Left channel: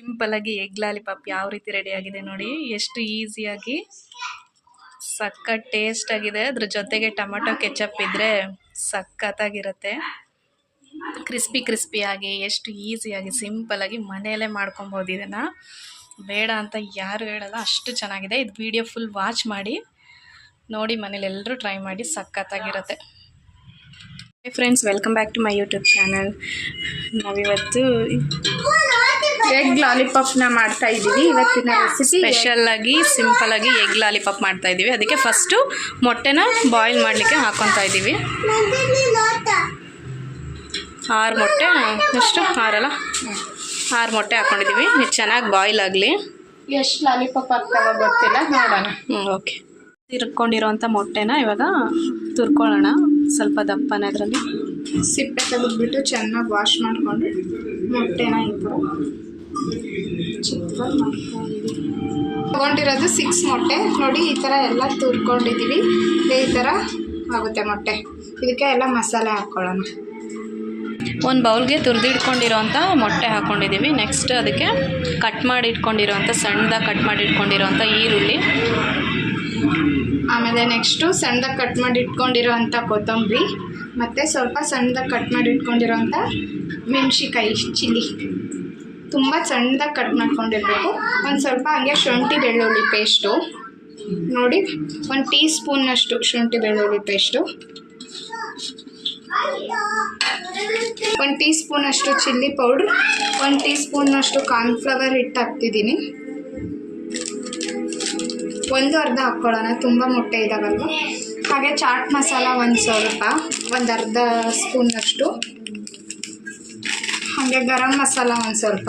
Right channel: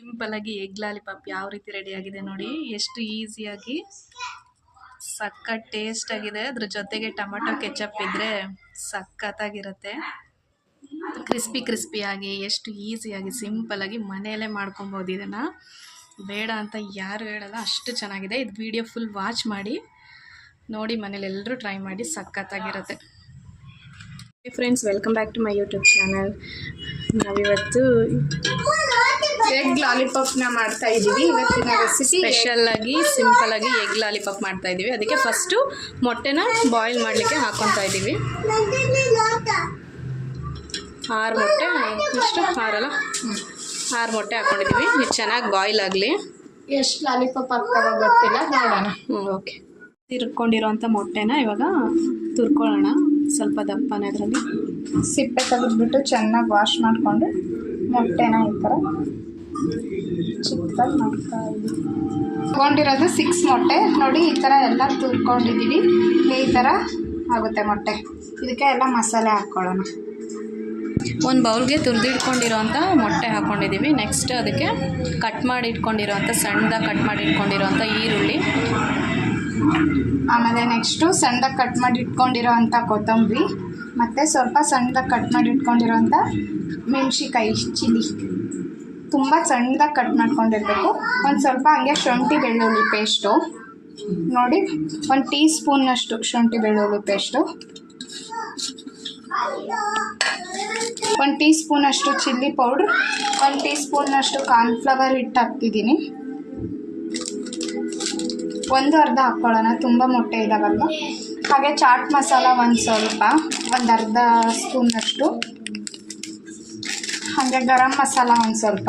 ಸಿಂಪಲಾಗಿ egg lollipop ಯಾವ ರೀತಿ ರೆಡಿ ಆಗಿದೆ ನೋಡಿ. ಎಷ್ಟು ಈಸಿಯಾಗಿ ಟೇಸ್ಟ್ ಆಗಿದೆ. ಅದ್ರ ಜೊತೆಗೆ ಟೊಮೆಟೊ ಕೆಚಪ್ ಇದ್ದರೆ ಸಖತ್ತಾಗಿರುತ್ತೆ. ಕ್ರಿಸ್ಪಿ ಕ್ರಿಸ್ಪಿಯಾಗಿ ಎಷ್ಟು ಈಸಿಯಾಗಿ ಸಿಂಪಲಾಗಿ ಮನೆಯಲ್ಲೇ ಮಾಡ್ಕೊಬೋದು ಇದನ್ನು. ಬೇಡ ಅಂತ ಯಾರು ಹೇಳಲ್ಲ, ಅಷ್ಟು ಚೆನ್ನಾಗಿದೆ. ಇದು ವಿಡಿಯೋ ಫುಲ್ ವಾಚ್ ಮಾಡಿ, ನೋಡಿ ಮನೇಲಿ ಎಲ್ಲರೂ ಟ್ರೈ ಮಾಡಿ ಸಖತ್ತಾಗಿರುತ್ತೆ. Friends welcome back to my YouTube channel ನಾವಿವತ್ತು ಎಗ್ ಲಾಲಿಪಾಪ್ನ ಮಾಡ್ತಾ ಇದ್ದೀವಿ. ಇವತ್ತಿನ ರೆಸಿಪಿ ಸ್ಪೆಷಲ್ಲಾಗಿ ಆಗಿ ಎಗ್ ಲಾಲಿಪಾಪ್ ಮಾಡ್ತಾ ಇದ್ದೀವಿ. ಅದಕ್ಕೆ ಫಸ್ಟು ಮೊಟ್ಟೆನ ಬಾಯ್ಲ್ ಮಾಡಲಿಕ್ಕೆ ಹಾಕ್ಕೊತಾ ಇದ್ದೀವಿ. ಆರು ಮೊಟ್ಟೆ ಎಷ್ಟು? ಆರಲ್ಲ? ಆರು ಮೊಟ್ಟೆ ಹಾಕ್ಕೊಂಡಿದ್ದೀವಿ ಇದು ಚೆನ್ನಾಗಿ ಬಾಯ್ಲ್ ಆಗಲಿ. ಎಷ್ಟು ಲಾಲಿಪಾಪ್ ಆಗ್ತಾವ ಗೊತ್ತಿಲ್ಲ. ನೋಡೋಣ. ಹ್ಞೂ ಓಕೆ ತಿರ್ಕೊಂಡಿರೋಂಥ ಮೊಟ್ಟೆನ ಇವಾಗ ತುರ್ಕೊಳ್ಳೋಣ. ಸ್ವಲ್ಪ ದಪ್ಪನ ಅದರಲ್ಲಿ ಸಿಪ್ಪೆ ತೆಗೆದ್ಬಿಟ್ಟು ಚೆನ್ನಾಗಿ ವಾಶ್ ಮಾಡಿಕೊಂಡು ಮೊಟ್ಟೆನ ಈ ಥರ ಚಿಕ್ಕದಾಗಿ ಮಾಡ್ತಾ ಇದ್ದೀವಿ ತೊಗೊಂಡಿರೋದು ಸಿಕ್ಸ್ ಮೊಟ್ಟೆ. ನೋಡಿ ಈ ಥರ ಎಲ್ಲ ತುರ್ಕೊಂಡಿದ್ದೀವಿ ಈ ಥರ ಆಗುತ್ತೆ ಮೊಟ್ಟೆ. ಇದಕ್ಕೆ ಎಲ್ಲ ಮಸಾಲೆ ಹಾಕ್ಕೊಳ್ಳೋಣ ಒಂದು ಬೌಲ್ಗೆ ತುರಿದಿಟ್ಕೊಂಡಿರೋಂಥ ಮೊಟ್ಟೆ ಹಾಕ್ಕೊಂಡಿದ್ದೀವಿ ನೆಕ್ಸ್ಟ್ ಅದಕ್ಕೆ ಕಟ್ ಮಾಡಿ ಇಟ್ಕೊಂಡಿರೋಂಥ ಸಣ್ಣದಾಗಿ ಕಟ್ ಮಾಡಿ ಇಟ್ಕೊಂಡಿರೋಂಥ ಈರುಳ್ಳಿ. ಆಮೇಲೆ ನೆಕ್ಸ್ಟು ಸಣ್ಣದಾಗಿ ಕಟ್ ಮಾಡಿ ಇಟ್ಕೊಂಡಿರೋವಂಥ ಕೊತ್ತಂಬರಿ. ಮತ್ತು ಸ್ವಲ್ಪ ಸಣ್ಣದಾಗಿ ಕಟ್ ಮಾಡಿ ಇಟ್ಕೊಂಡಿರೋಂಥ ಮೆಣಸಿಕಾಯಿ ಚಿಲ್ಲಿ. ತುಂಬ ಸಣ್ಣದಾಗಿ ಕಟ್ ಮಾಡ್ಕೊಂಡಿರ್ಬೇಕು. ಒಂದು ಸ್ವಲ್ಪ ಹಂಗೆ ಶುಂಠಿ ಬೆಳ್ಳುಳ್ಳಿ ಪೇಸ್ಟು ನೋಡಿ, ಒಂದು ಟೀ ಸ್ಪೂನ್ನಷ್ಟು ಶುಂಠಿ ಬೆಳ್ಳುಳ್ಳಿ ಪೇಸ್ಟು ಒಂದು ಟೀ ಸ್ಪೂನಷ್ಟು ಚಿಲ್ಲಿ ಪೌಡ್ರ್ ಒಂದು ಟೀ ಸ್ಪೂನ್ನಷ್ಟು ಕಾರ್ನ್ಫ್ಲವರ್ ಹಿಟ್ಟು ಹಾಕ್ತಿದ್ದೀನಿ. ಒಂದು ಅರ್ಧ ಹಾಕ್ಕೊಳ್ಳೋಣ, ತುಂಬ ಮೊಟ್ಟೆ ಇದಾವಲ್ವ? ಹಾಗೆ ಚಾಟ್ ಮಸಾಲ ಒಂದು ಸ್ವಲ್ಪ, ಒಂದು ಅರ್ಧ ಸ್ಪೂನಷ್ಟು ಹಾಗೆ ಗರಂ ಮಸಾಲ ಒಂದು ಸ್ವಲ್ಪ.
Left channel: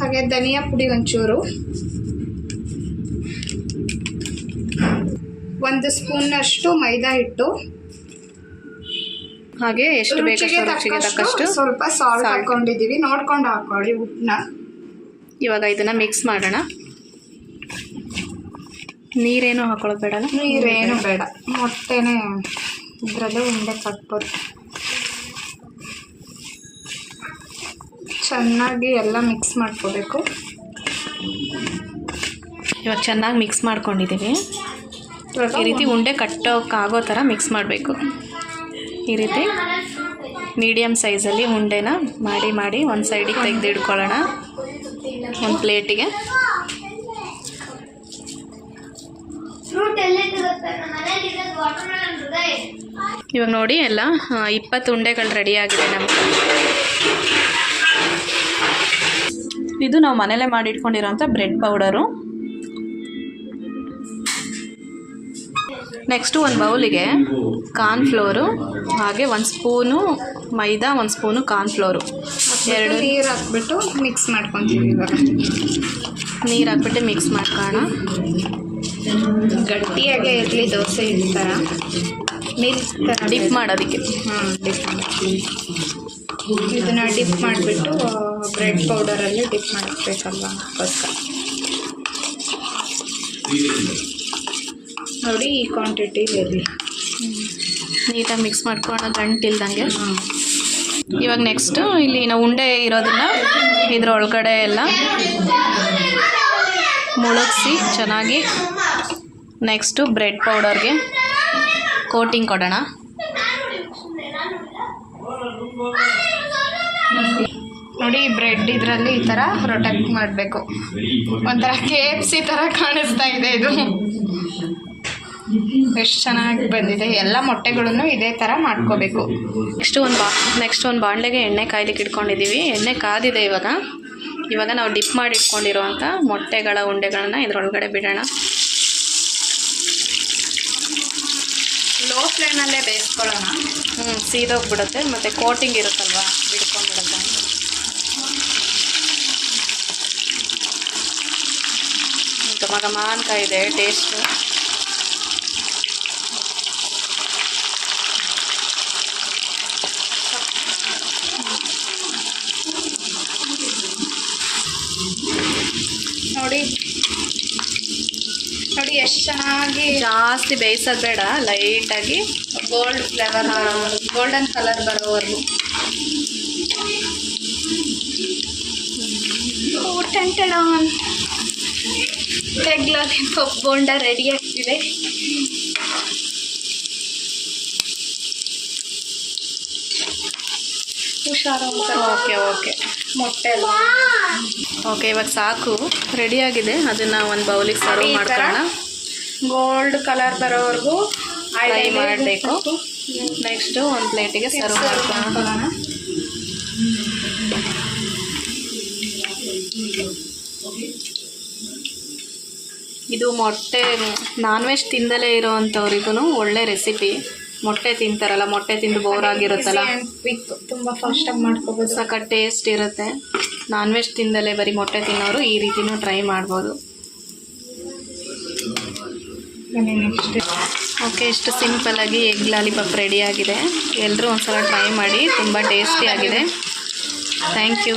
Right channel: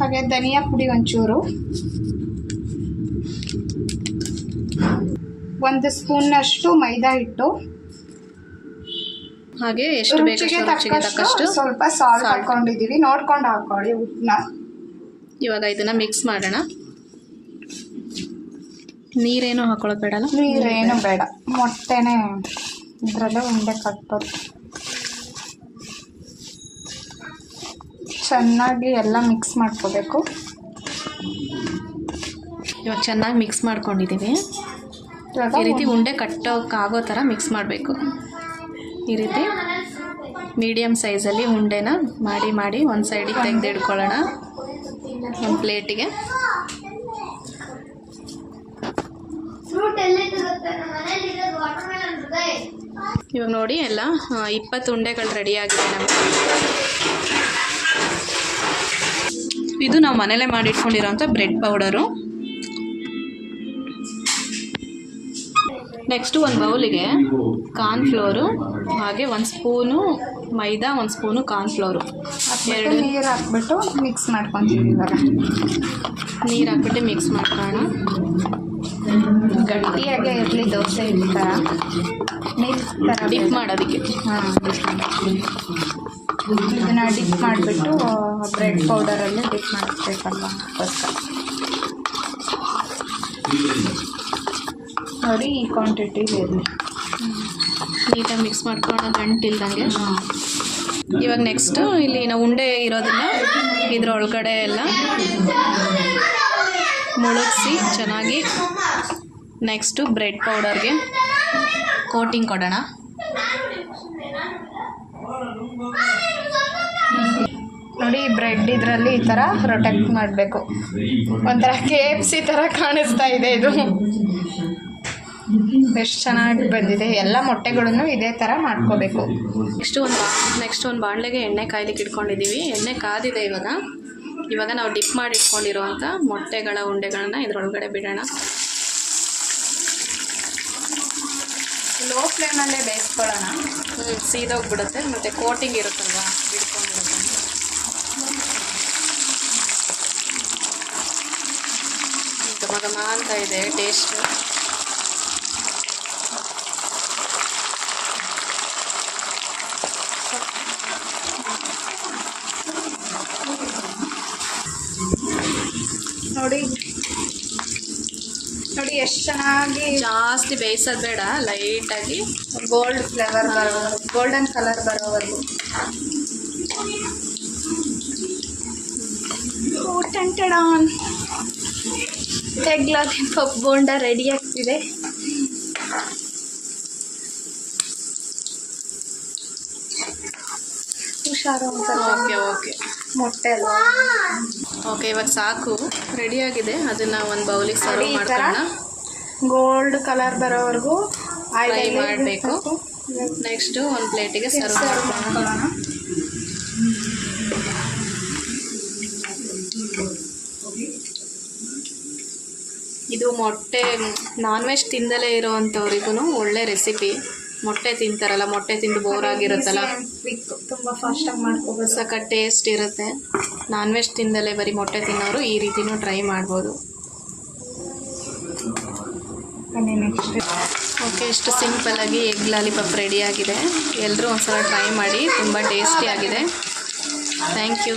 ಹಾಗೆ ಧನಿಯಾ ಪುಡಿ ಒಂಚೂರು. ಒಂದು ಸ್ಪೂನ್ನಷ್ಟು ಮೈದಾ ಹಿಟ್ಟು. ಹಾಗೆ ಎಷ್ಟು ಬೇಕಷ್ಟು ರುಚಿಗೆ ತಕ್ಕಷ್ಟು ಸ್ವಲ್ಪ ಸಾಲ್ಟ್. ಹಾಕೊಂಡಿದ್ದೀವಿ. ನೋಡ್ಕೊಂಡು ಹಾಕೊಳ್ಳಿ ಉಪ್ಪನ್ನ ಇವಾಗ ಇದನ್ನು ಮಿಕ್ಸ್ ಮಾಡೋಣ. ನೀರೇನು ಹಾಕೊಳ್ಳೋದು ಬೇಡಲ್ಲ ನೀರೇನು ಬೇಡ. ಮೊಟ್ಟೆನೇ ಇದರಲ್ಲೇ ಉಂಡೆ ಕಟ್ಬೋದು ಚೆನ್ನಾಗಿ ಎಲ್ಲ ಮಿಕ್ಸ್ ಮಾಡ್ಕೋಬೇಕು. ಇವಾಗ ಚೆನ್ನಾಗಿ ಮಿಕ್ಸ್ ಮಾಡ್ಕೊಂಡಿದ್ದೀವಿ ಈ ರೀತಿ ಉಂಡೆ ಕಟ್ಟೋಕ್ಕಾಗೋ ಥರ ಮಿಕ್ಸ್ ಮಾಡಬೇಕು. ಈ ರೀತಿ ಮೀಡಿಯಮ್ ಸೈಜಲ್ಲಿ ಉಂಡೆನ ಮಾಡಿ ಮಾಡಿ ಒಂದು ಸೈಡಿಗೆ ತೆಗೆದು ಇಟ್ಕೊಳ್ಳೋಣ ಒಂದು ಪ್ಲೇಟಿಗೆ ಇವಾಗ ನೋಡಿ ಎಲ್ಲ ಇಪ್ಪತ್ತು ಉಂಡೆಗಳು ರೆಡಿಯಾಗಿದೆ ಆಗಿದೆ ನಮಗೆ. ಇದು ನಾವು ಮನೇಲೇ ಮಾಡಿಟ್ಕೊಂಡಿರೋಂಥ ಬ್ರೆಡ್ ಪೌಡರು. ನೆಕ್ಸ್ಟು ಒಂದು ಬೌಲಿಗೆ ಕಾರ್ನ್ಫ್ಲೋರು ಹಾಗೆ ಒಂದು ಸ್ಪೂನು ಮೈದಾ ಒಂದು ಸ್ಪೂನು ಕಾರ್ನ್ಫ್ಲೋರು ಎರಡು ನೀರು ಹಾಕ್ಬಿಟ್ಟು ಮಿಕ್ಸ್ ಮಾಡ್ಕೊತೀವಿ ಇವಾಗ. ನೀರು ಹಾಕ್ಬಿಟ್ಟು ಮಿಕ್ಸ್ ಮಾಡ್ಕೊಳ್ಳೋಣ. ಗಟ್ಟಿಯಾಗೆ ಇರಲಿ ದೋಸೆ ಮಿಲ್ಕ್ ಡಿಪ್ ಮಾಡೋದಕ್ಕೆ. ಹ್ಞೂ ಮಾಡಿ. ಇದನ್ನ ಡಿಪ್ ಮಾಡಿಬಿಟ್ಟು ಬ್ರೆಡ್ ಪೌಡರಲ್ಲಿ ಡಿಪ್ ಮಾಡಬೇಕಲ್ವ ಫಸ್ಟ್ ನೋಡಿ ಈ ಕ್ವಾಂಟಿಟಿ ಇರಲಿ ನೀಟಾಗಿ ಮಿಕ್ಸ್ ಮಾಡ್ಕೊಳ್ಳೋಣ ಗಂಟಿಲ್ದಂಗೆ ಇವಾಗ ನೆಕ್ಸ್ಟು ಇಲ್ಲಿ ನಾವು ಉಂಡೆ ಇರೋದನ್ನ ಇದ್ರ ಒಳಗಡೆ ಎಲ್ಲ ಮುಳುಗಿಸಿ ಚೆನ್ನಾಗಿ ನೆಕ್ಸ್ಟು ಬ್ರೆಡ್ ಪೌಡರ್ಗೆ ಕೋಟಿಂಗ್ ಕೊಡೋಣ. ನೋಡಿ ಬ್ರೆಡ್ ಇದರಲ್ಲಿ ಈ ಥರ ರೊಟೆಕ್ಟ್ ಮಾಡಬೇಕು. ಒಂಥರ ಕೆ ಎಫ್ ಸಿ ಥರ ಕಾಣಿಸ್ತಾ ಇದೆ ಇದು. ಎಷ್ಟು ಚೆನ್ನಾಗಿ ಬಂದಿದೆ. ಎಲ್ಲ ಮೊಟ್ಟೆಗಳನ್ನು ಇದೇ ಥರ ಮಾಡ್ಕೋಬೇಕು. ನೆಕ್ಸ್ಟ್ ಒಂದು ಬಾ ನೆಕ್ಸ್ಟ್ ಒಂದು ಬಾಣಲೆಗೆ ಎಣ್ಣೆ ಕಾಯ್ಲಿಕ್ಕೆ ಇಟ್ಕೊಂಡಿದ್ದೀವಿ. ಎಣ್ಣೆ ಕಾದಿದೆ ಇವಾಗ. ಇವಾಗ ನಾವು ಡಿಪ್ ಮಾಡಿ ಇಟ್ಕೊಂಡಿರೋವಂಥ ಮೊಟ್ಟೆಗಳ ಉಂಡೆಗಳನ್ನ ಇದರೊಳಗಡೆ ಬಿಡೋಣ. ಲೋ ಫ್ಲೇಮಲ್ಲೇ ಬೇಯಿಸ್ಕೊಳ್ಳೋಣ. ಹ್ಞೂ ಸೀದೋಗ್ಬಿಡುತ್ತೆ. ಮತ್ತು ಕೋಟಿಂಗ್ ಇರುತ್ತಲ್ವಾ? ಬಿಡ್ಕೊಂಡ್ಬಿಡುತ್ತೆ ಘಮ ಘಮ ಅಂತ ಇದೆ ಟೇಸ್ಟು ಎಷ್ಟು ಚೆನ್ನಾಗಿ ಜಾಸ್ತಿ ಬೇಯಿಸೋದು ಬೇಡ ಲೈಟಾಗಿ ಗೋಲ್ಡ್ ಫ್ಲೇವರ್ ಗೋಲ್ಡನ್ ಕಲರ್ ಬರೋವರೆಗೂ. ಎಗ್ ಲಾಲಿಪಾಪ್ ಬೋಂಡ ರೆಡಿ ಆಗ್ತಿದೆ. Okay okay. ಮೊಟ್ಟೆ ಓಕೆ ಇವಾಗ ಸಾಕು. ರೆಡಿಯಾಗಿದೆ ಅದನ್ನು ಒಂದು ಬೌಲಿಗೆ ಸರ್ವ್ ಮಾಡ್ಕೊಳ್ಳೋಣ. ಗೋಲ್ಡ್ ಕಲರ್ ಬರೋವರೆಗೂ ಫ್ರೈ ಮಾಡಬೇಕು. ನೆಕ್ಸ್ಟು ಒಂದು ಪ್ಲೇಟಿಗೆ ಸರ್ವ್ ಮಾಡ್ಕೊಳ್ಳೋಣ. ಇದು ಮೊಟ್ಟೆ ನಾನ್ ವೆಜ್ ತಿಂದಲೇ ಇರೋವಂಥವ್ರಿಗೂ ಒಳ್ಳೆ ರೆಸಿಪಿ ಮೊಟ್ಟೆ ತಿಂತಾರಲ್ಲ ಮೊಟ್ಟೆ ತಿಂದು ಬೋರ್ ಆಗಿರುತ್ತಲ್ಲ. ತುಂಬ ಫಾಸ್ಟಾಗಿ ಮಾಡ್ಕೋಬೋದು. ಸಖತ್ ಟೇಸ್ಟ್ ಇರುತ್ತೆ. ನಾನ್ ವೆಜ್ ತಿಂದಲೇ ಬರೀ ಮೊಟ್ಟೆ ತಿನ್ನೋರು ಈ ರೀತಿನೂ ಟ್ರೈ ಮಾಡ್ಬೋದು. ಓಕೆ ಇಷ್ಟು ಸಿಂಪಲ್ಲಾಗಿ ಎಗ್ ಲಾಲಿಪಾಪ್ ರೆಡಿಯಾಗಿದೆ ಎಲ್ಲರೂ ಒಂದ್ಸಲ ಟ್ರೈ ಮಾಡಿ ತುಂಬ ಟೇಸ್ಟಿಯಾಗಿದೆ ಥ್ಯಾಂಕ್ ಯು.